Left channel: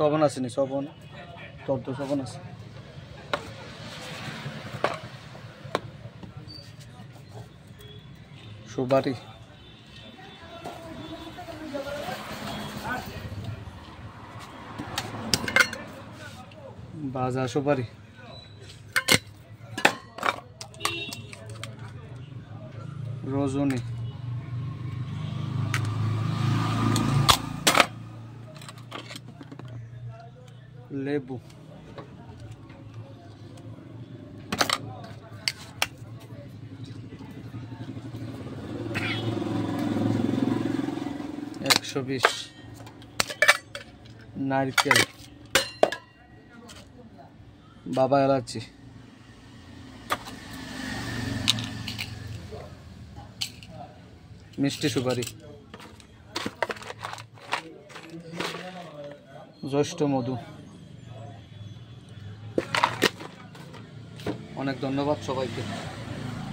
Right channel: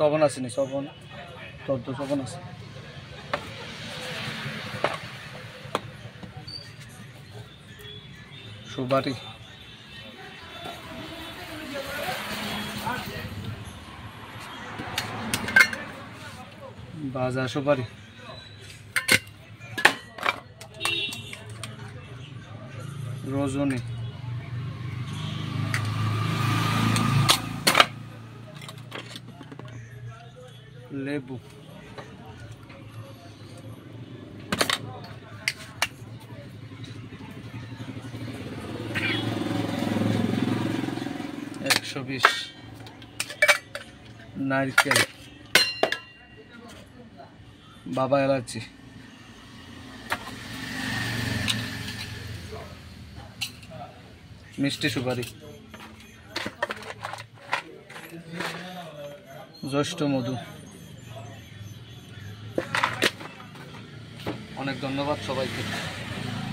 শ্রবণ আসেনি, শ্রবণ তদ্দ শ্রবণ আছে। সুপারি, ভাজা সুপারি, রজনী, লেবু, $120, নারকেল, বাবা এলাচি, মিষ্টি সুপারি, জ্যৈষ্ঠ মধু। অনেক ধন্যবাদ সবাইকে।